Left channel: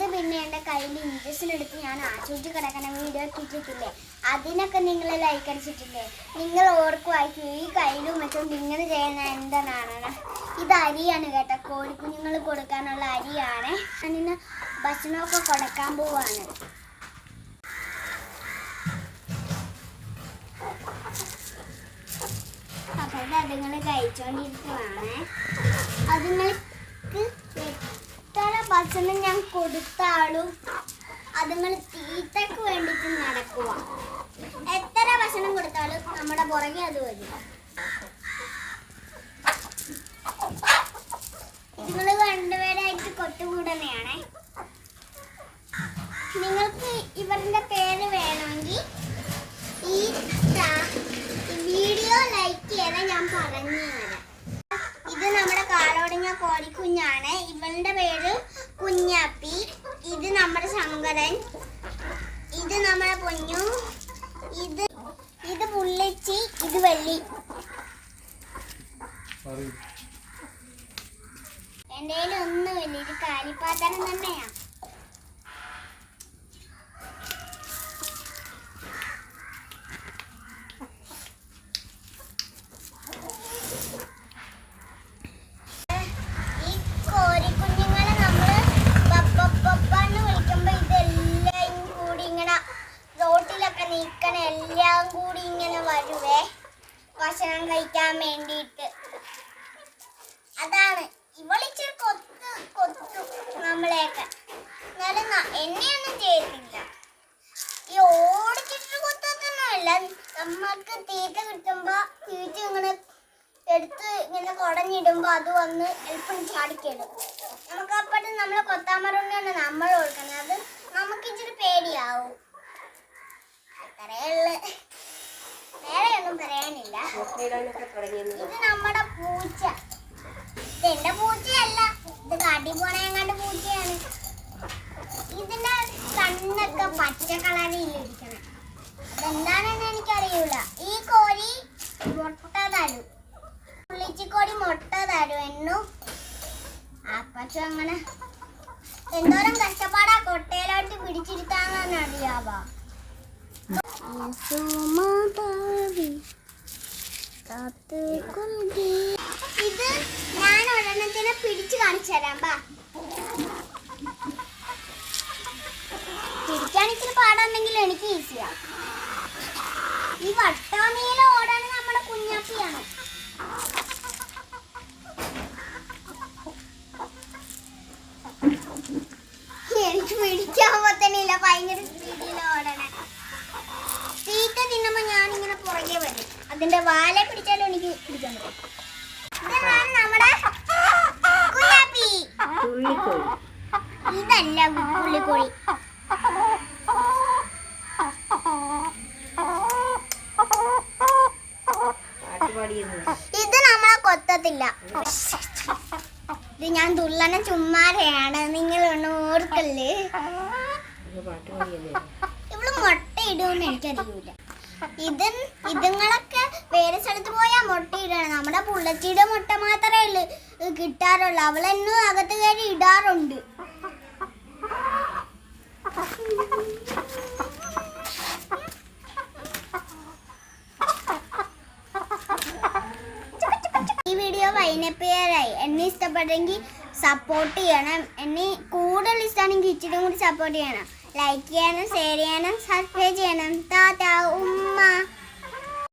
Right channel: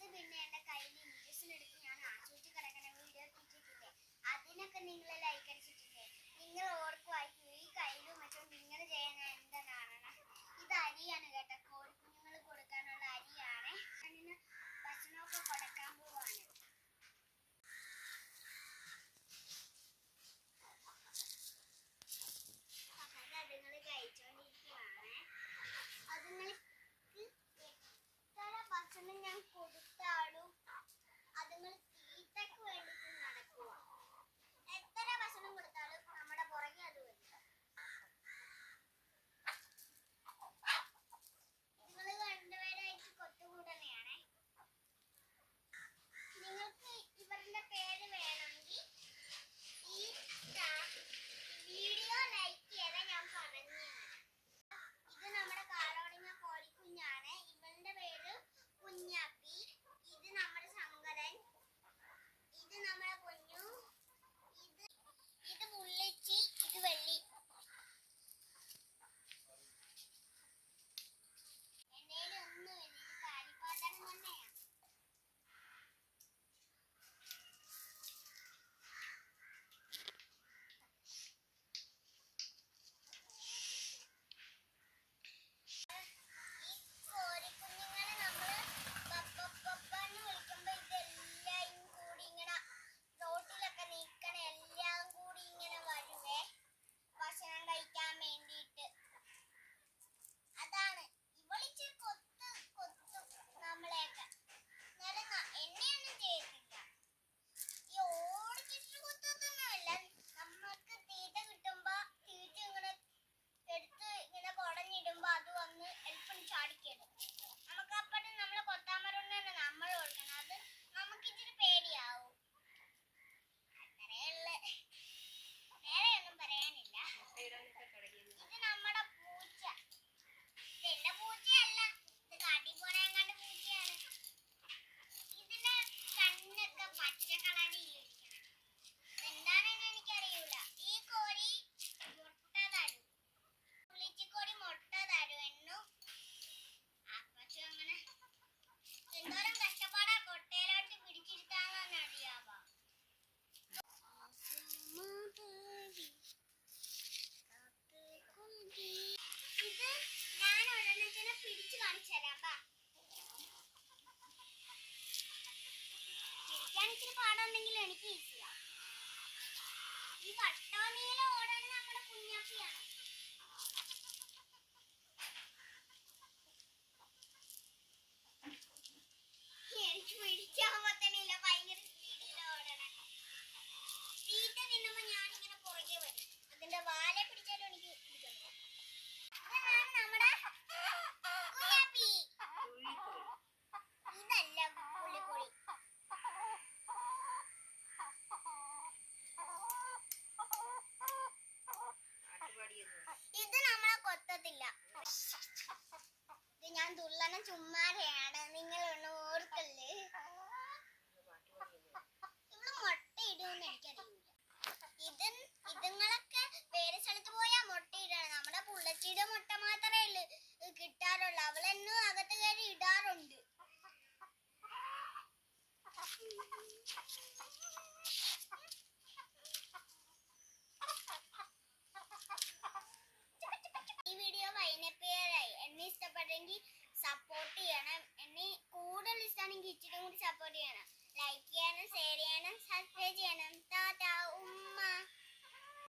അത് പിന്നെ എൻ്റെ കയ്യിൽ ഇഞ്ചക്ഷൻ എടുത്ത് ഞാൻ ആശുപത്രി കിടക്കണ വീഡിയോ ഇട്ടിട്ടില്ലേ, അതിനൊക്കെ നിങ്ങൾ ലൈക്ക് അടിച്ചിട്ടില്ലേ? നിങ്ങൾ ഓർക്കുമായിരിക്കും ഈ കയ്യിലും വെച്ചോണ്ട് ഇങ്ങനെ ചെയ്യുന്ന എന്താണ്? ഇത് അരിയാണ് കേട്ടോ, കോഴിക്കുഞ്ഞുങ്ങൾ കൊടുക്കാനുള്ള അരിയാണ്. ഞാനിന്ന് ഭക്ഷണമൊക്കെ കൊടുക്കാൻ പോവാണ്. അപ്പോൾ അതുങ്ങൾ കഴിച്ചോണ്ടിരിക്കുവാണ്. അതുങ്ങൾക്ക് എത്ര ഭക്ഷണം ഞാൻ കൊടുത്താലും അതുങ്ങൾ തീറ്റക്ക് വേണ്ടിയിട്ട് നടക്കുക. എത്ര ഭക്ഷണം കൊടുത്താലും നമ്മുടെ പുറകെ അത് വരും. ഇതുങ്ങൾ രണ്ടുപേരായിട്ട് കൊട്ടുകൂടനെയാണ്. നിങ്ങൾക്ക് ഇവരുടെ പേര് വേണമെങ്കിൽ ഈ വീഡിയോ ലൈക്ക് ചെയ്താൽ ഞാൻ പറഞ്ഞു തരാം. ഇത് നമ്മുടെ കാലോടിഞ്ഞ കോഴിക്കുഞ്ഞാണ്. ഇവളുടെ പേര് കുഞ്ഞാപ്പി. ഇത് നമ്മുടെ ശങ്കരൻ. ഇത് നമ്മുടെ പൊന്നു. ഇത് പുള്ളിച്ചി. ഇത് വെള്ളി. എൻ്റെ കയ്യിൽ ഒന്നുമില്ല. ഇത് കാലിപ്പാത്തനം തന്നെയാ. എല്ലാം കൂടി ഇങ്ങനെ വരുവേ ഭക്ഷണം കഴിക്കാൻ വേണ്ടിയിട്ട്. അതാണ് ഇവളിച്ചിരി കൊത്തു നമ്മളെയൊക്കെ. എന്നാലും എന്നെയൊന്നും ചെയ്തില്ല. ഈ ഓടിച്ചിട്ട് കൊത്തൊന്നുമല്ല. നമ്മൾക്ക് തീറ്റ കിട്ടുമ്പോ തീറ്റ ഇങ്ങനെ എടുത്ത് ഇങ്ങനെ കുടഞ്ഞിടുമ്പോ അത് വന്ന് എളുപ്പം ചാടിക്കിടും. നമുക്ക് അപ്പോഴും നമ്മളെ കൊത്താമറുണ്ടാണ് നമ്മൾ കൊടുക്കുന്നത്. അത് നമുക്ക് ഇച്ചിരി പേടിയാവും. വേറെയൊന്നും പറയാനില്ല. ഇത് നമ്മുടെ പൂച്ച. ഇത് എന്റെ പൂച്ചയല്ല, ഇത് കാട്ടി പോണേങ്ങാണ്ട് പൂച്ചയാണ്. ഇതിന്റെ കണ്ണൊക്കെ പച്ച കളറിലിരിക്കണം. അതെന്താണെന്ന് എനിക്കറിയൂല. ഈ കോഴി മുട്ട തരും. പുള്ളിച്ചിക്കോഴി മുട്ട തരും എന്നും. അപ്പച്ചും അങ്ങനെ എന്തോരം കഷ്ടപ്പാടാ കൊട്ടയിലോട്ട് പിടിച്ചിരുത്താന്ന് അറിയാവോ? ഇത് ഞാൻ ഒരെണ്ണത്തിനെ പിടിച്ചു കാണിച്ചു തരാം. പിടിക്കാൻ ഇച്ചിരി പാടുണ്ടെങ്കിൽ എനിക്ക് ഈസിയാ. ഈ വട്ടവണിയിലെ ഓടാണ് നമ്മുടെ കുഞ്ഞാപ്പിയാണ്. എനിക്ക് പിടിക്കാൻ പറ്റണില്ല. ഭയങ്കര സ്പീഡിൽ ഓടണേ. തീറ്റ തിന്നുമ്പോ ഞാനിങ്ങനെ പുറകെ വരും. അതിന്റെ വാലെ പിടിച്ചാലും എനിക്ക് പിടിക്കാൻ പറ്റും. ഇതാണ് നമ്മുടെ കുഞ്ഞാപ്പി. ഇതല്ല പുള്ളിക്കോഴി. ഇത് നമ്മളെ കൊത്തത്തില്ല. ഇത് ഞാൻ തുള്ളണ ചുമ്മാരെയാണ്. നിങ്ങൾ ഒന്നും ഓർക്കല്ലേ. ഇവള് മുട്ട ഇടുമെന്ന് എനിക്കറിയൂല. ഇതുങ്ങളൊക്കെ വേറെ സ്ഥലത്ത് പോയാൽ മുട്ട ഇടണം. നമ്മുടെ പുള്ളച്ചിയുടെ മുട്ട മാത്രമേ കിട്ടാറുള്ളൂ. അവളെന്നും അകത്ത് കയറി ഇടാറുണ്ട്. ഈ വീഡിയോ വൈൻഡപ്പ് ചെയ്യാറായി. എന്നെ ഇഷ്ടപ്പെട്ടെങ്കിൽ സപ്പോർട്ട് ചെയ്യണം. എന്നെ കൂടുതൽ ഇഷ്ടമാണെങ്കിൽ ഇച്ചിരി കൂടി സപ്പോർട്ട് ചെയ്യണം. ലൈക്ക് ചെയ്യണം, ഷെയർ ചെയ്യണം, സബ്സ്ക്രൈബ് ചെയ്യണം. ടാറ്റാ ഉമ്മ.